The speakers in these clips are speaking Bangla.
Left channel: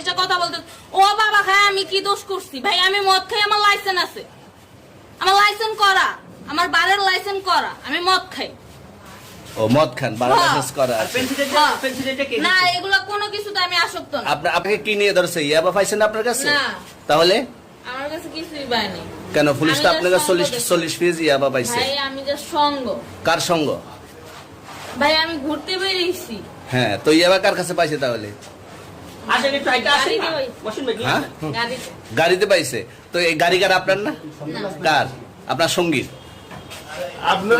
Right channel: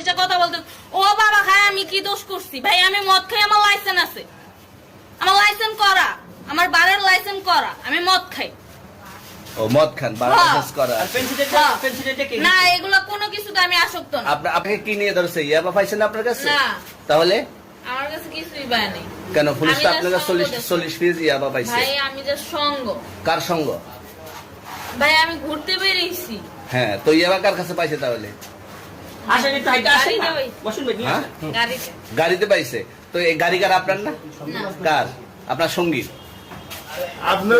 এসে কথা বলতে, ও বাবা খায় আমি কি দোষ করছি? ভাই আমি মদ খাই, আমার লাইসেন্স আছে, আমার লাইসেন্স করা, আমার বারের লাইসেন্স করা, আমি মদ খাই। ও মদ খান, বারের লাইসেন্স করা। না এগুলো কোনো কিছুতে আমি আসক্ত না। আপনাকে কি নিয়ে ধরছে? ইয়াবা পাইছেন আপনার কাছে? না তাহলে আমার কাছে কিছুই পায় নাই। কেন পুলিশ তো আপনার কাছে 40 পিস ইয়াবা পাইছে? ভাই আমি যে সঙ্গ। কার সঙ্গ? ভাই আমি ঘুরতে বেরিয়েছি। হ্যাঁ, তো ইয়াবা কার কাছে পাইছে তাহলে? গাড়িতে পাইছে। তো এই গাড়ি কার? আপনার না? কার? আপনার সঙ্গী?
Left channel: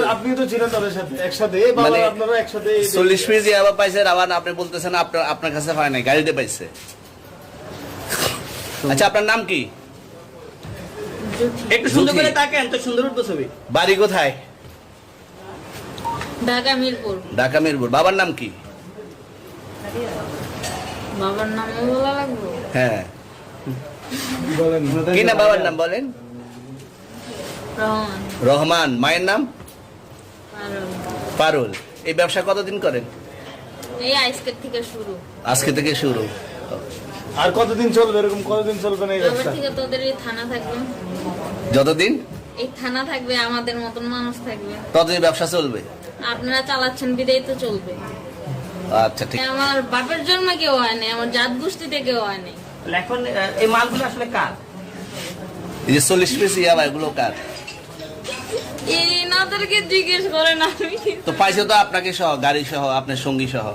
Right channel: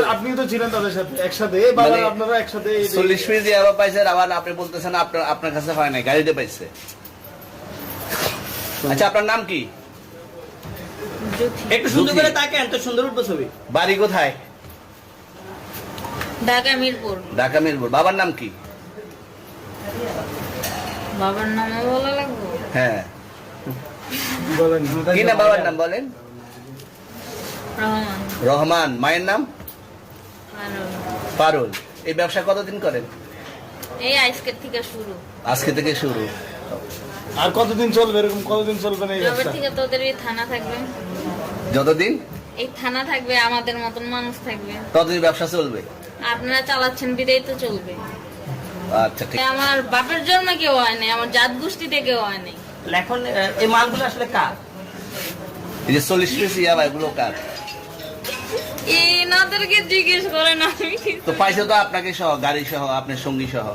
আপনি তো ছিলেন তাদের সাথে একসাথে, আপনারা একসাথে 40 পিস ইয়াবা পাইছে, আবার আপনি বলতেছেন আপনার কাছে পায় নাই, গাড়িতে পাইছে। আচ্ছা আপনার নাম কি? একটু সুন্দর করে তাকান তো, সুন্দর উঠবো ছবি। বাড়ি কোথায়? ঢাকা মিরপুর। ঢাকা মিরপুর। বাবার নাম কি? বাবার নাম বলা লাগবে? হ্যাঁ বলেন কি না বাবার নাম বলেন? রহমান। রহমান। মায়ের নাম? পারুল। পারুল। এই ব্যবসা কতদিন করেন? এই আজকের থেকে শুরু। আজকে থেকে শুরু। আর কতদিন চলবে? এরকম কতদিন চলবে না এই তবে ব্যবসা? থেকে তোদের এই থানা থাকবে, যতদিন এই থানা থাকবে, আমাদের মতন মানুষ থাকবে, ততদিন ব্যবসা চলবে। আপনারা চালাচ্ছেন বিদায় তো চলবে। আচ্ছা ঠিক। আমার বাপের জন্মে কেউ হয় নাই, আমার জাত গোষ্ঠীতে কেউ হয় নাই। এখন এই মালগুলো আসলে কার? এই যে 40 পিস ইয়াবা, এগুলো কার? এনাদেরকে জিজ্ঞেস করেন, আমি তো পাইছে তো আপনাকে সহ, গাড়ি সহ, আপনার সঙ্গী সহ।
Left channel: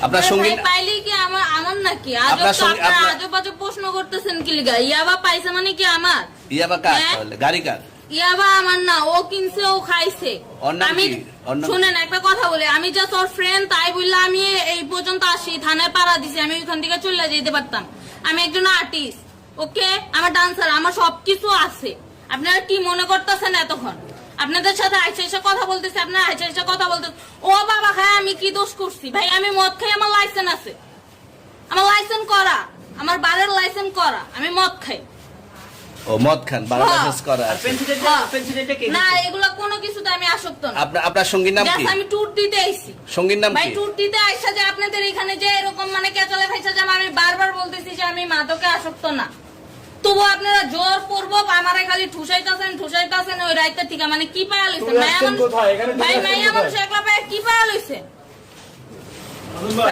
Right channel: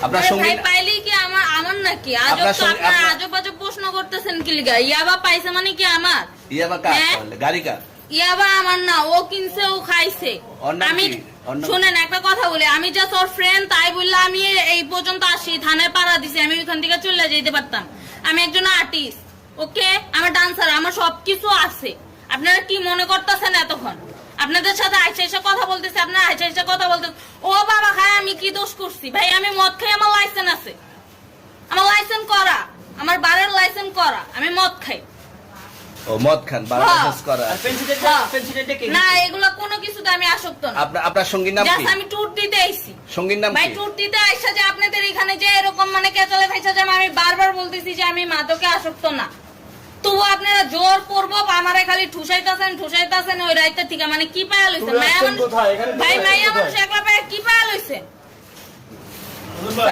আপনার সঙ্গী পাইলে কি আমার নাকি? আপনার সঙ্গী- আপনার- আজব আজব প্রশ্ন করতেছেন কি লিগা? ইয়াবা পাইছে মানে কি আমার? ইয়াবা কার হ্যাঁ? তাহলে? গাড়ি কার? ইয়াবা আমার না, ও কিনছে, ও খাইছে। ওর নাম আমি কি? ওর নাম- শুনেন একটা কথা বলি, আমি যা তোর ফ্রেন্ড তাই বললে আমি এই পর্যন্ত আসি, থানায় পাড়া দিছি, আমি ওইখান থেকে চলে যেতে পারতাম। আমি একজন আর্টিস্ট, ওকে, আমার ডান্সার, আমার সবকিছু আছে। আপনারা কি মনে করতেছেন এতক্ষণ? আপনাদের সাথে আইসা এসে কথা বলতেছি, আপনারা আইসা এসে কথা বলতেছেন, ও বাবা খায় আমি কি দোষ করছি? ভাই আমি মদ খাই, আমার লাইসেন্স আছে, আমার লাইসেন্স করা, আমার বারের লাইসেন্স করা, আমি মদ খাই। ও মদ খান, বারের লাইসেন্স করা। না এগুলো কোনো কিছুতে আমি আসক্ত না। আপনার সঙ্গীর নাম কি? Just আমি ট্যুর দিতে আইছি। সঙ্গীর নাম ভাই কি? ট্যুর দিতে আইসা যে আপনাদের এখানে যে এরকম মানে কেচলে ফাইসা যে আমি বারবার বলতেছি যে আমি মাদকে আসক্ত না, তবু আপনারা জোর পূর্ব আমারে খালি ঠুসাইতাছেন ওই রাইতে থেকে। মানে কি পায়া লইছেন? চলে আসছেন কোথায়? এখানে চলে ভাই আসছেন মাইয়া কোথায়? মানুষ একলা পায়া কি পায়া লইছেন?